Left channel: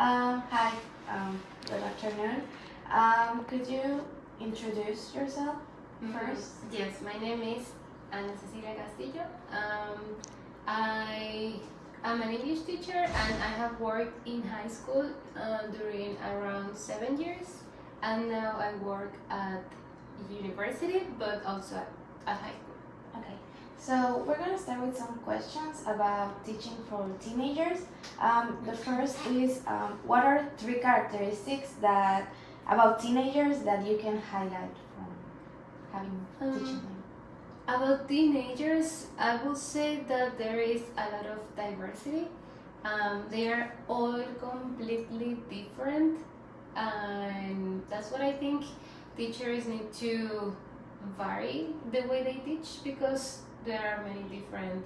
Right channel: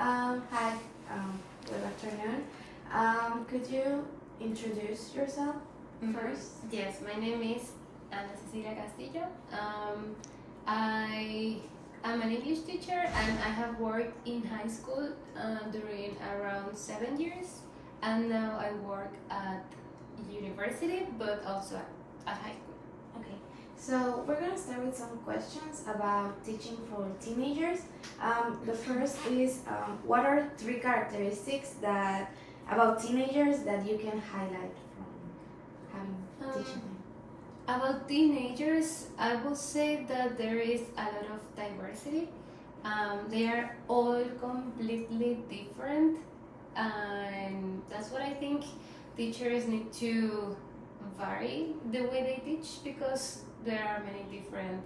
Hi, good afternoon. Could you introduce yourself first? Yes, my name is Ceci Castillo. I am an English teacher and I have worked in high school during around 7 years, and now I work at university but also at high school. Okay, so we're gonna start with some questions about teaching for teenagers. The first is, what are three characteristics that about teenagers that you can highlight from having teaching them? About teenagers, I will say that there is a lot of diversity. They are all completely different, and that's what I think teachers need to vary the way they teach, because there are many different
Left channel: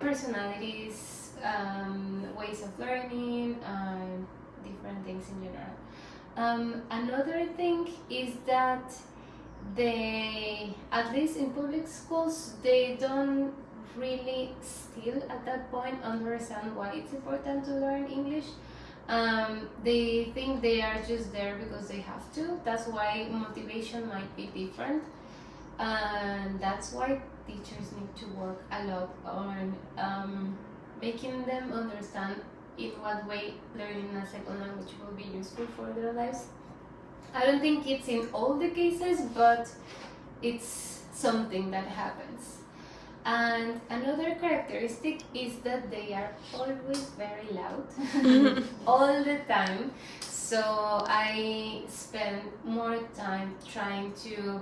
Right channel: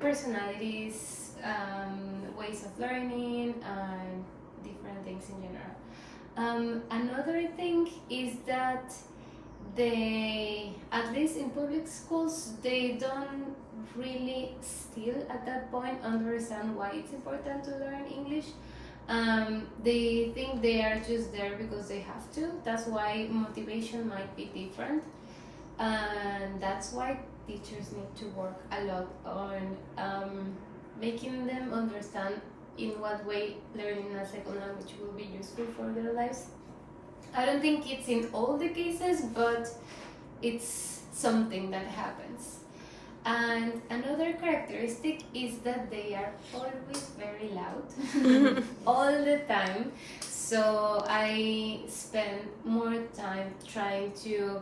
personalities, ways of learning, and different things in general. Another thing is that they, at least in public schools, they don't really still at that point understand why it's important to learn English. They think they are just there because they have to. That's why motivation might be different, and that's why teachers need to work a lot on making them understand in what way learning a second language will be useful for their lives. I don't think it's in all the cases, but it's something that happens. And another characteristic is that they are always very loud all the time. So I spend more time trying to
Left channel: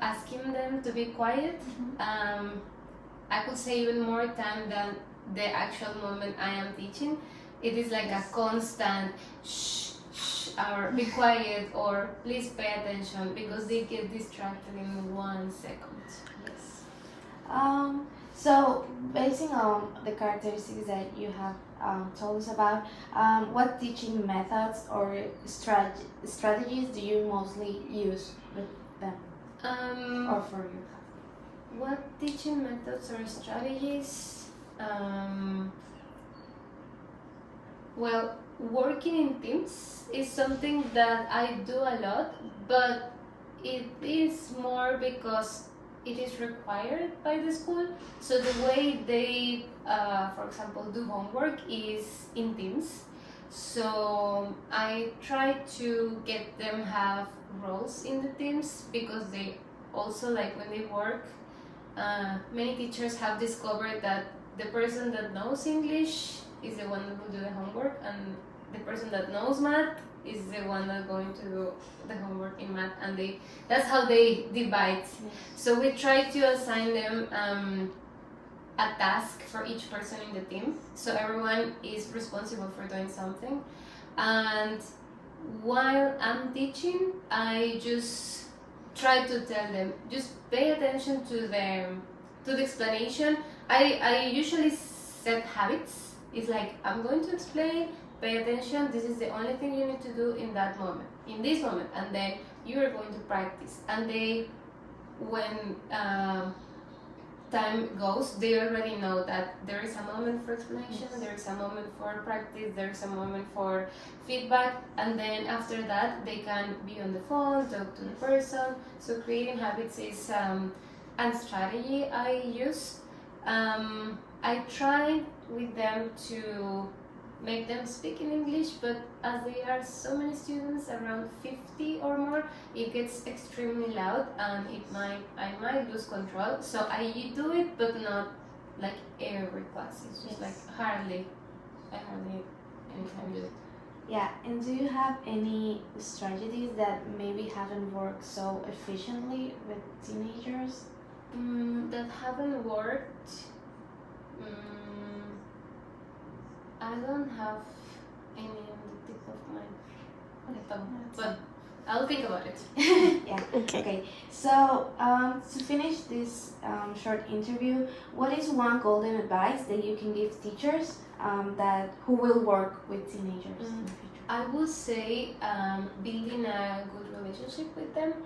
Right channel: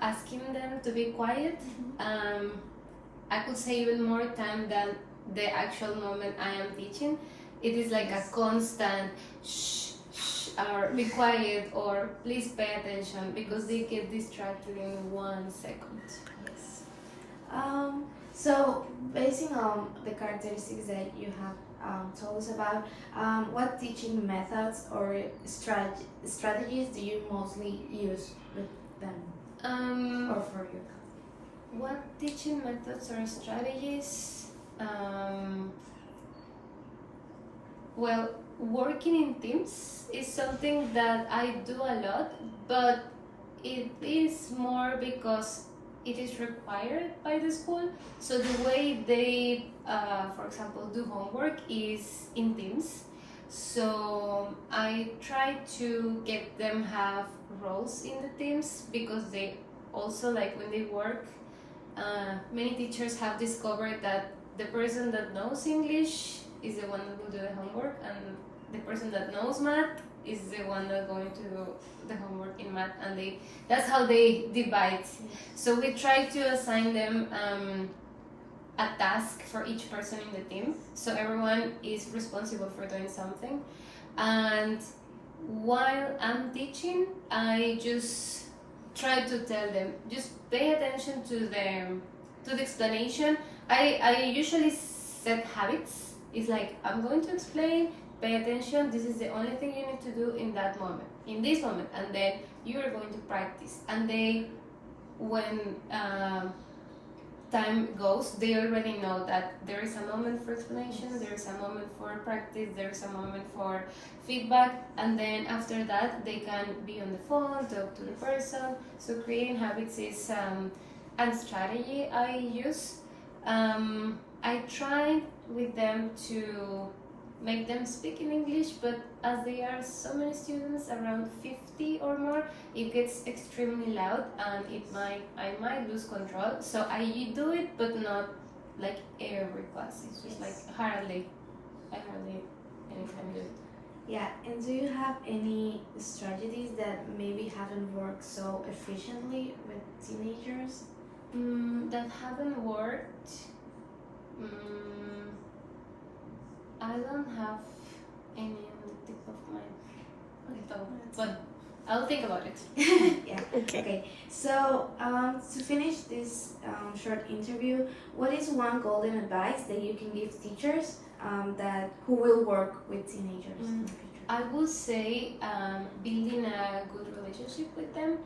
asking them to be quiet. I could say even more time than the actual moment I am teaching. It is like a constant shh, shh, or be quiet, or please pay attention, because they get distracted in 1 second. Yes. So, basing on the characteristics that you have told us about, what teaching methods or strategies do you mostly use with them or for you? What teaching methods or strategies? Well, working in teams is something that I do a lot, but it is more because it is required by the school. So the way they, for example, do homework is in teams. So I try to get them have roles in the teams, because they also, like when they work, many teachers have discovered that the person that knows English is the one that will do the homework, and the person that knows math is the one that's going to do the homework in math, and that's how they divide. So we try to assign them a task for each person in the team, so everyone is responsible for doing something. And while I'm teaching, I just try to tell them, just pay attention to the explanation. I usually set habits. It's like, I'm going to explain, pay attention, this is the only thing you need to do in that moment, in this moment, and then you are going to practice. And they, when time goes, they already know that there is a moment for explanation, there is a moment for practice, there is a moment for feedback, and then after that they can be on the phone, talk to the person. So creating habits is a strategy I use. I try with them to make them speak in English, but as there are so many students, around 50 or more, it gets extremely loud and I might lose control. So I do it, but not like every class. It's just like I hardly anytime do it. Yeah, and do you have any strategies that maybe haven't worked so efficiently with teenagers? That haven't worked. I don't have any on the tip of my tongue, but I'll think about it. Yeah. Okay. So to finish this short interview, what is one golden advice that you can give teachers who will work with teenagers in the future? I would say building a good relationship with them.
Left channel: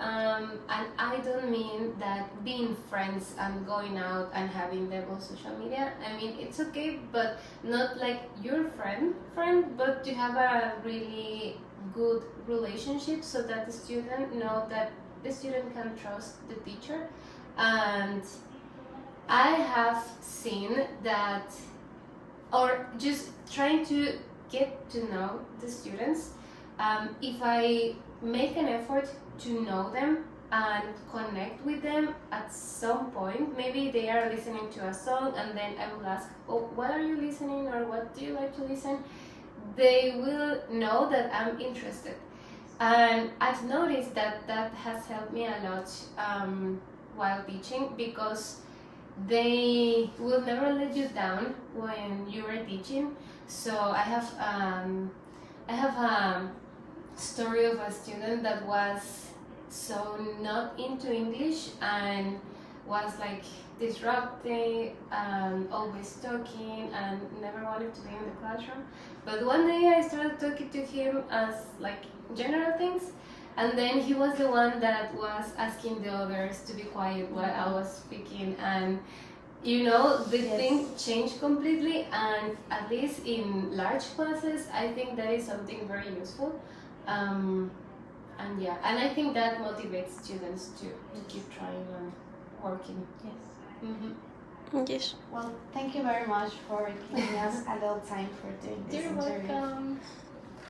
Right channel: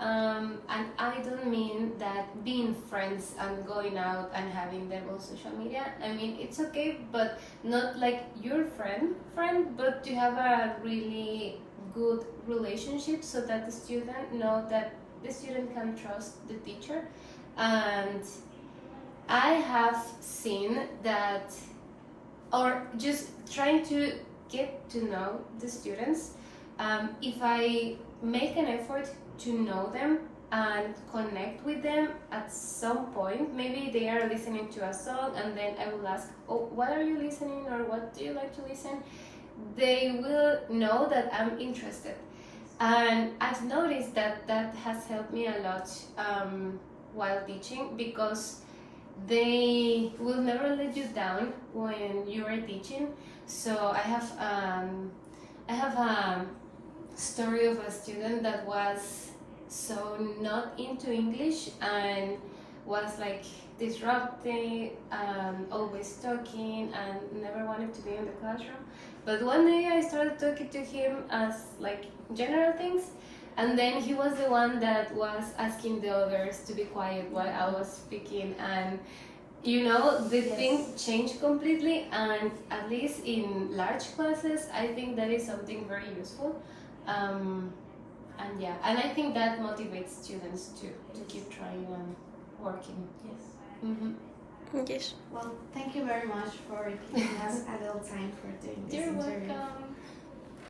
And I don't mean that being friends and going out and having them on social media. I mean, it's okay, but not like your friend, but to have a really good relationship so that the student know that the student can trust the teacher. And I have seen that, or just trying to get to know the students, if I make an effort to know them and connect with them at some point, maybe they are listening to a song and then I will ask, oh, what are you listening, or what do you like to listen? They will know that I'm interested. And I've noticed that that has helped me a lot while teaching, because they will never let you down when you are teaching. So I have a story of a student that was so not into English and was like disrupting and always talking and never wanted to be in the classroom. But one day I started talking to him as like general things, and then he was the one that was asking the others to be quiet while I was speaking, and the thing changed completely. And at least in large classes, I think that is something very useful. And yeah, and I think that motivates students to keep trying and working. Yes. Mm-hmm. Yes. Well, thank you very much for giving us a little time for doing this You're interview. welcome.